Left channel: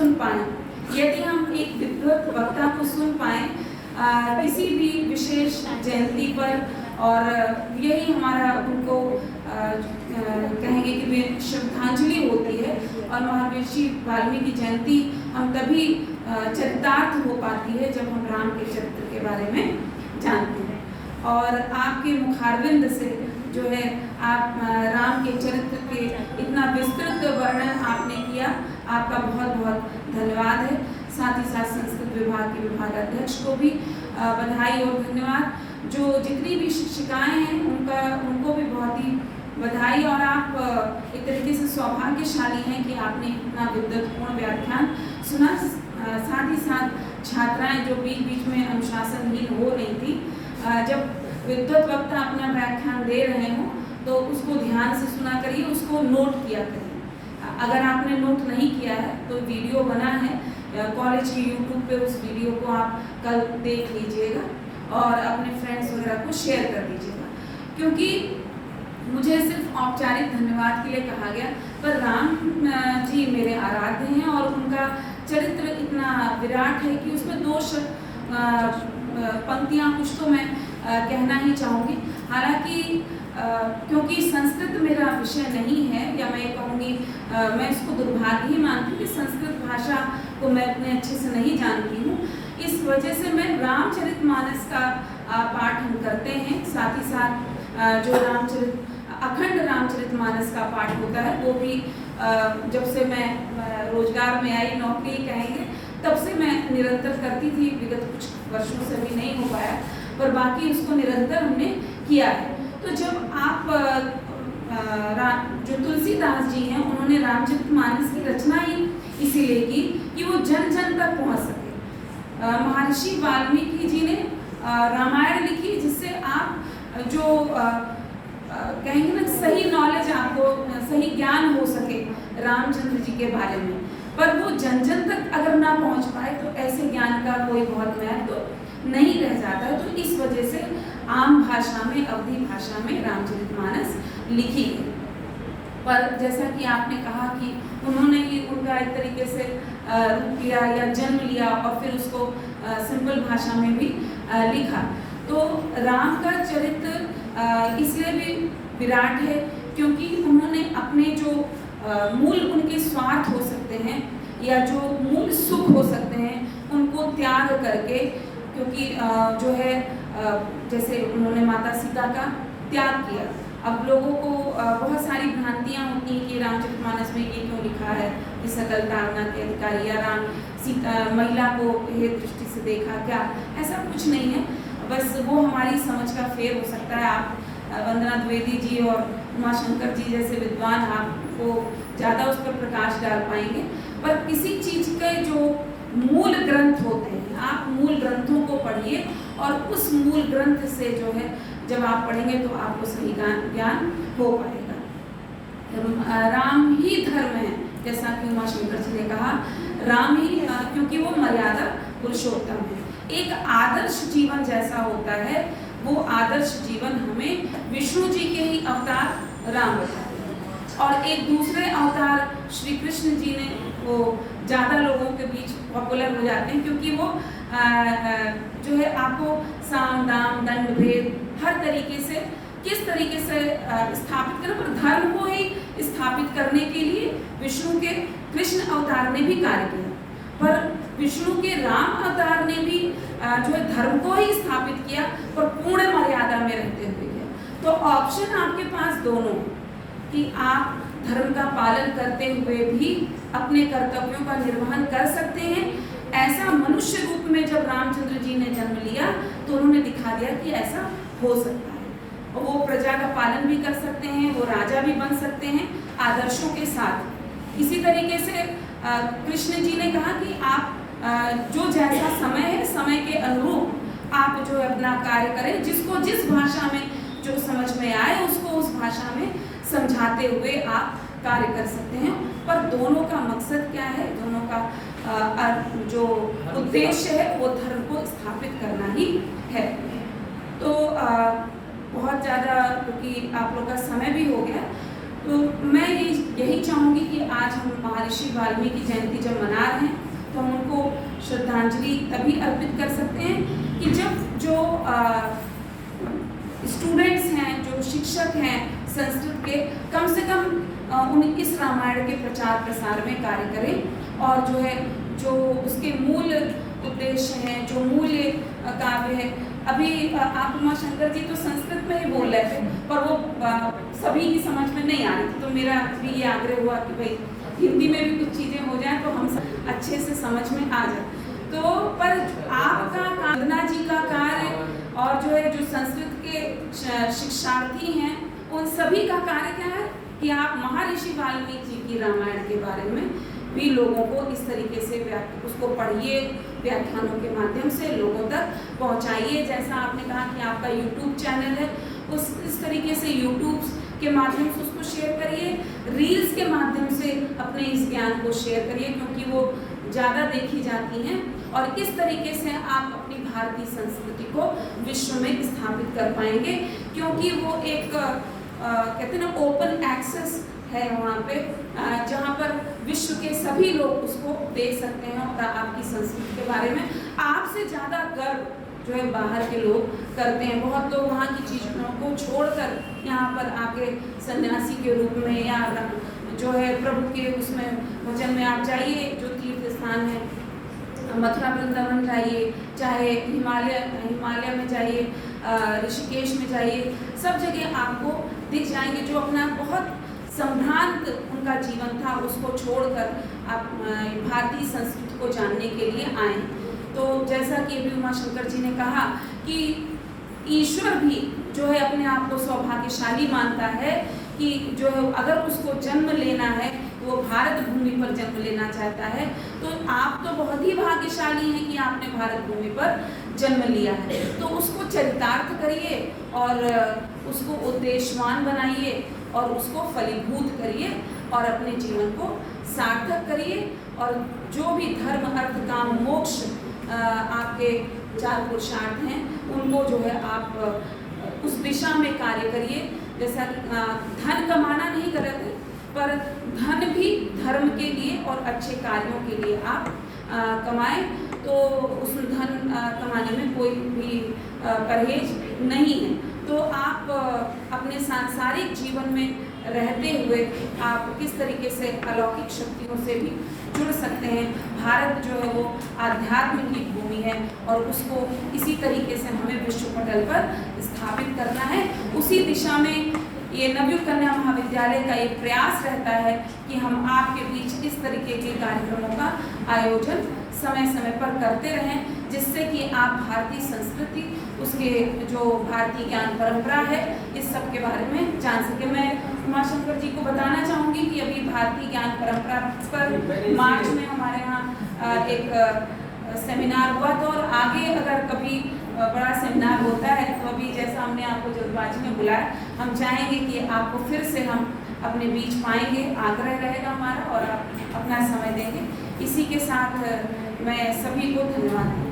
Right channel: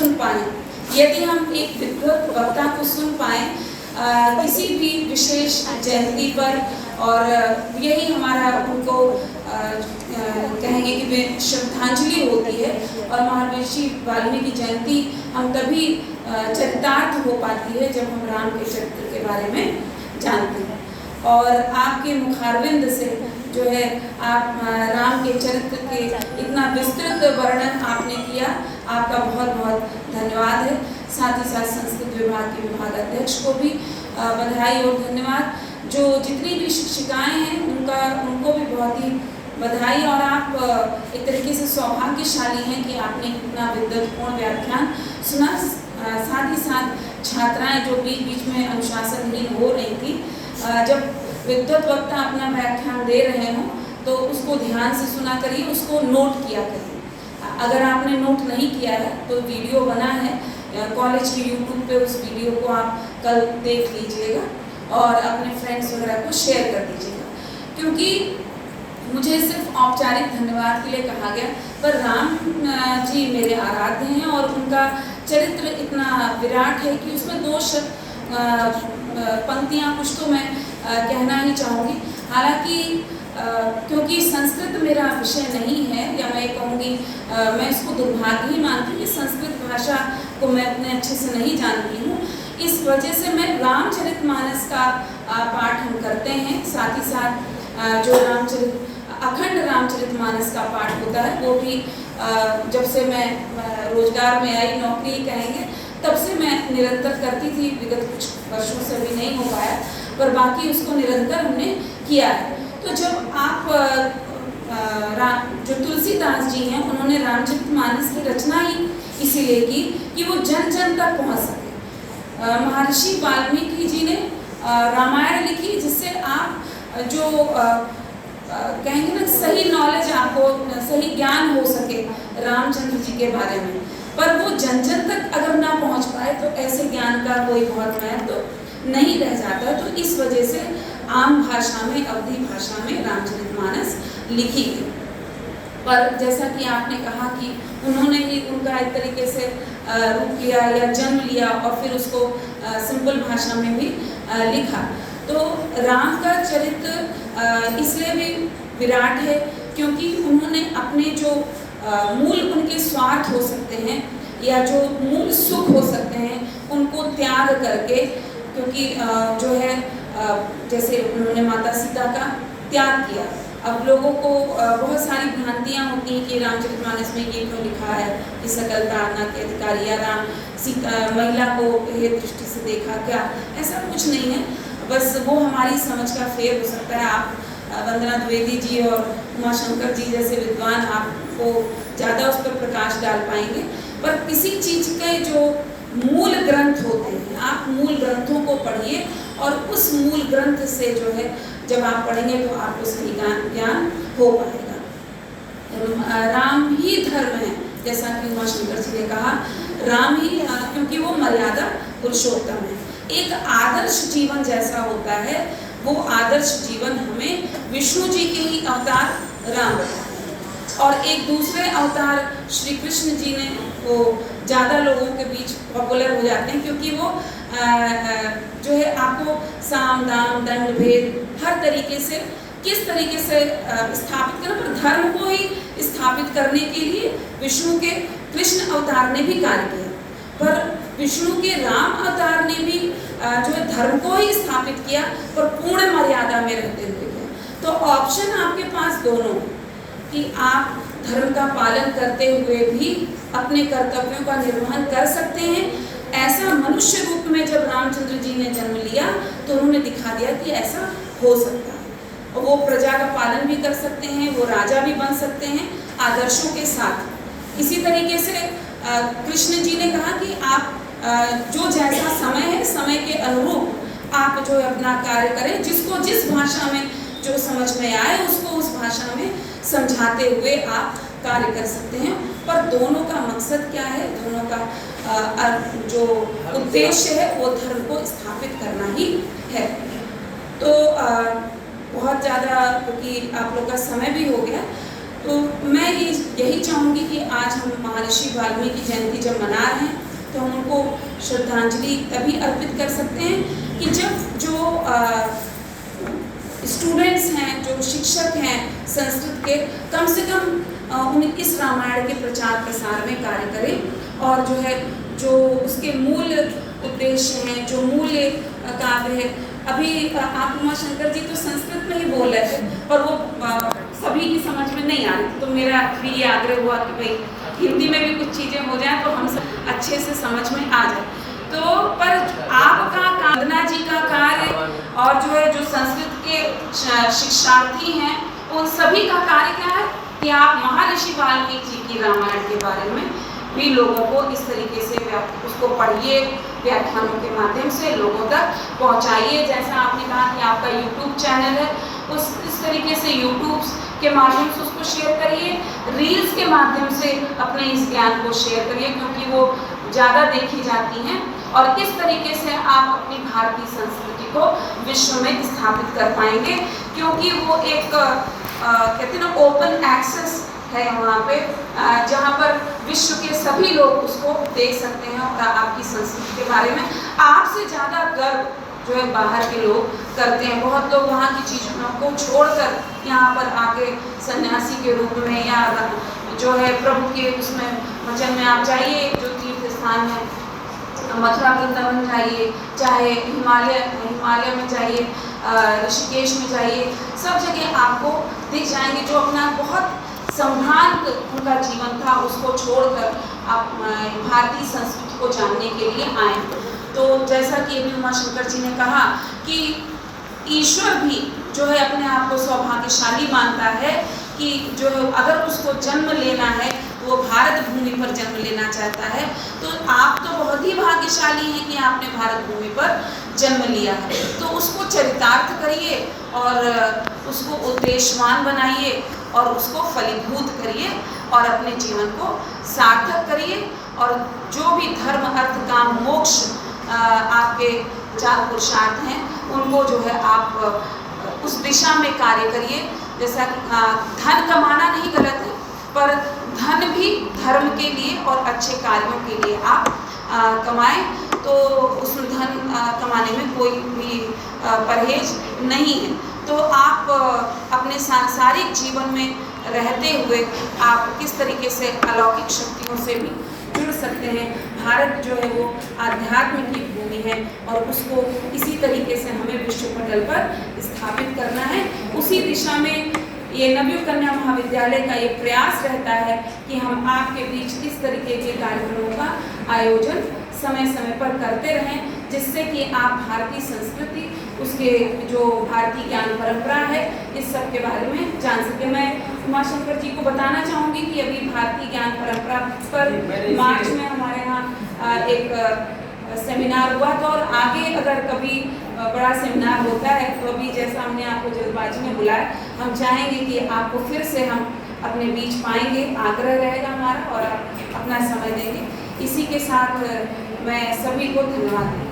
सुन पाएं। यदि हम एक विद्वत वक्ता को सुन पाएं किसी भी विशेष जयंती पर, और यही हमारा उनको कहेंगे कि वे श्रद्धांजलि होती है। और महर्षि वाल्मीकि जयंती हम तभी चरितार्थ हो पाती है जब हम राम के चरित्र के बारे में जानते हैं। और आपके मुखारविंद से जो है आप राम के चरित्र के इतना विस्तृत वर्णन आपने किया, आपका बहुत बहुत धन्यवाद है। साथ ही साथ संस्कृत विभाग के विभागाध्यक्ष को भी बधाई और धन्यवाद। जो जितनी भी शिक्षिकाएं हैं उनको भी बहुत ही बधाई। और आप एक तरीके से सौभाग्यशाली हैं कि आपने इतना विद्वत्पूर्ण व्याख्यान सुना। साथ ही साथ छात्राएं जो बीच बीच में अनुशासनहीन हो रही थी, जब विद्वत वक्ता अपना व्याख्यान दे रहे हों तो उसको ध्यान से सुना करिए, उसको नोट किया करिए। अगर आपने नोट नहीं किया है तो वीडियो बना है कॉलेज के यूट्यूब पे, उस वीडियो को आप कल देख लीजिएगा और अपने फ्रेंड्स वगैरह को शेयर कर दीजिएगा। क्योंकि मुझे सिर्फ औपचारिक धन्यवाद के लिए कहा गया, पर राम जी मेरे आराध्य हैं और उनका चरित्र इतना विराट है कि उसमें दो पंक्तियाँ कुछ तो मैं कहना ही चाहूँगी। हालांकि क्योंकि संस्कृत मेरा विषय नहीं है, या मैं कहूँगी मैं इसको दुर्भाग्य ही मानती हूँ कि संस्कृत भाषा को मैं उतने अच्छे से नहीं जानती हूँ। इस वजह से मैं रामचरितमानस का पाठ हम करते हैं। साथ ही साथ जो अखंड रामचरितमानस का पाठ होता है वो भी जब से मैं रोजगार में आई, नौकरी कहेंगे, तब से मैं निरंतर करती थी। विगत कुछ वर्षों से भी नहीं हो पाया, पर बाकी उसको निरंतर हमने किया है। तो जब आप जो तुलसीदास जी हैं उन्होंने रामचरितमानस की रचना ही इसीलिए की कि वो जन जन तक पहुँच सके। महर्षि वाल्मीकि जी ने रामायण लिखी जिससे आप जो कहेंगे ना सही नॉलेज, आपको सही ज्ञान हो सके रामचंद्र जी के बारे में, पर वो जन जन तक अगर ना पहुंच पाए तो ऐसे ज्ञान का कोई बहुत महत्व तो नहीं रह जाता। तो इस वजह से आम भाषा में, अवधी भाषा में रामचरितमानस लिखी गई। पर जैसा कि आपने कहा कि उन्होंने ही उनका एक तरीके से रूप लिया या जन्म लिया और फिर उसको सिंपल भाषा में भी लिखा। तो राम का चरित्र इसलिए भी विराट है क्योंकि उन्होंने अपने जो मूल उनके स्वार्थ हो सकते हैं या जो मूल सुख हो सकते हैं उनको त्याग करके, क्योंकि जो है जैसे उन्होंने माता सीता का त्याग किया। अब लोगों को बहुत सारी भ्रांतियाँ होती हैं कि रामचरितमानस में ये क्यों लिखा है कि सकल प्रार्थना के अधिकारी, या राम सीता महिला को हे दृष्टि से देखा, क्या ऐसा कुछ नहीं है। बस वो हमारी समझ का फेर हो सकता है। आप वंदना द्विवेदी जी और उमाशंकर जी जैसे विद्वान आपको ज़्यादा उस पर प्रकाश डाल पाएंगे, पर किसी चीज़ के जो मूल ग्रंथ होते हैं, आप मूल ग्रंथों को पढ़िए और उस मूल ग्रंथ से जो है जब आप पढ़ेंगे तो आपको सही ज्ञान हो पाएगा। राम ही धर्म है, जैसा कि उमाशंकर जी ने कहा, राम ही, क्योंकि वो मर्यादा पुरुषोत्तम है। एक आदर्श जीवन जैसा होता है, वो आदर्श जीवन हमें विष्णु जी के ही अवतार राम बताते हैं। और एक दूसरे अवतार श्री कृष्ण जी ने वो ज़्यादा लोगों के बीच पॉपुलर हो जाते हैं, क्योंकि वो जो है आपको साम दाम दंड भेद हर तरीके से किस तरीके से स्थापित करना, पर धर्म को ही स्थापित करने के लिए विष्णु के कृष्ण अवतार ने भी कार्य किया, पर विष्णु के राम अवतार ने भी जो है धर्म को ही स्थापित किया, पर पूर्ण मर्यादा में रहते हुए किया। तो ऑप्शन आपके पास दोनों कि आप धर्म का पालन करते हुए भी अपने कर्तव्यों का निर्वहन कर सकते हैं। ऐसा मनुष्य रूप में जब रामचंद्र जी ने जन्म लिया तो उन्होंने दिखा दिया कि ऐसा हो सकता है, और वो प्रजा का पालन भी कर सकते हैं, वो राजा भी बन सकते हैं आदर्शों के साथ। इसी तरीके से कृष्ण जी ने कहा कि आप जो जैसा समय है, समय के अनुरूप आप जो अपना कार्य करें, जिसको जिस भाषा में जो समझ में आए उसको उस भाषा में समझाते हुए आप कार्य कर सकते हैं। पर दोनों का मकसद क्या है, दोनों का जो उद्देश्य है वो धर्म को स्थापित करना ही है। तो बहुत ज़्यादा, क्योंकि आप लोग का समय भी हो गया, तो मैं यही चाहूँगी कि आज हम महर्षि वाल्मीकि जयंती जब मना रहे हैं श्रद्धांजलि तभी अर्पित कर सकते हैं कि जब जो स्टूडेंट्स हैं, जो शिक्षक हैं संस्कृत के, कम से कम उन इस रामायण के प्रचार प्रसार में कार्य करें और जो है जो उसके मूल उद्देश्य हैं, जो मूल काव्य है। अभी आप उमाशंकर जी तो संस्कृत में ही बोल रहे थे पर वो सभी की समझ में नहीं आ रही, तो मेरा भी ये आग्रह हुआ कि भाई हिंदी में भी कुछ चीज़ें हो जाए तो हम सब अच्छे से समझ में आ जाए। तो पर आपका वंदना जी का कार्य और जो है जो संस्कृत के शिक्षार्थी हैं उन सभी का कार्य क्या है कि आप महर्षि वाल्मीकि जी की रामायण के बारे में भी लोगों को इस तरीके से उसको पढ़िए, व्याख्यानों के माध्यम से लोगों तक पहुंचाइए। जैसा आपने कहा कि आपका यूट्यूब चैनल है, इस तरीके से यूट्यूब के माध्यम से उसको शेयर करिए, रील्स के माध्यम से अपने इस ज्ञान को शेयर करिए क्योंकि वो ज़्यादा देखी जाती हैं और इस तरीके से आप अपनी भारतीय संस्कृति को विश्व में स्थापित कर पाएंगे क्योंकि वो एक कहते हैं ना ओपन एक्सेस है वहाँ पे जहाँ पर विश्व के सभी लोग उसको देख सकते हैं और आपकी संस्कृति के बारे में आपसे ज़्यादा गर्व जो है बाहर के लोग करते हैं। बहुत लोग वहाँ की चीज़ों को छोड़कर यहाँ पर आके सन्यासी के रूप में या जो है प्रभु के उसमें वचन में आप जाइए, जो तीर्थ स्थान है मथुरा वृंदावन जाइए, चाहे हिमालय में जाइए, ऋषिकेश में जाइए, सब जगह आपको दिख जाएंगे जो अपना बहुत संभ्रांत उनका जीवन था उसको छोड़कर आप भारतीय संस्कृति को जानने के लिए आए। तो जैसा कि अभी उमाशंकर जी ने कहा कि ईश्वर भी जो है अपने आप को सौभाग्यशाली मानता है कि जो है अगर उसको जन्म लेना है वो भारत भूमि पर जन्म लेना चाहता है। तो आप तो बहुत ही भाग्यशाली हैं कि आपने भारत भूमि पर जन्म लिया है, तो उसको चरितार्थ करिए और उसको उद्देश्यवान बनाइए और उसको फलीभूत करिए और अपने जीवन को सार्थक करिए और जो भी धर्म अर्थ काम मोक्ष आपके 4 पुरुषार्थ हैं उनको जो है आप उस दिशा में कार्य करिए। जैसा कि धन कमाना नहीं गलत है पर धन भी धर्म के लिए और अच्छे कार्यों के लिए आप कमाएं, तो उस धन कमाने में कोई भी परहेज नहीं है। तो आप अपने सांसारिक जीवन में रहते हुए आप किस तरीके से अलौकिक शक्तियों से भी जुड़ सकते हैं। भारत जो है वो आध्यात्म की भूमि है और उसको इसी तरीके से हमें विश्व पटल पर स्थापित करना है। उसी दिशा में ये नवयुग कन्या महाविद्यालय का ये प्रयास रहता है कि हम आपके बीच इस तरीके के कार्यक्रमों का आयोजन समय समय पर करते रहें जिससे कि आप भारतीय संस्कृति, उसके जो भारतीय ज्ञान परंपरा है, इस सब के बारे में जान सके। मैं उमाशंकर जी को बताना चाहूँगी कि अभी भारतीय ज्ञान परंपरा पर मार्च में हमारे यहाँ एक सेमिनार हुआ था और आगे अगर कभी बड़ा सेमिनार होता है तो अभी जैसा हमने आपको जल्दबाजी में बुलाया, हम चाहेंगे कि आपको फिर से हम अपने बीच पाएंगे, आग्रह रहेगा हमारा और आप अपना समय देंगे। इसी के साथ मैं सभी को धन्यवाद दूँ।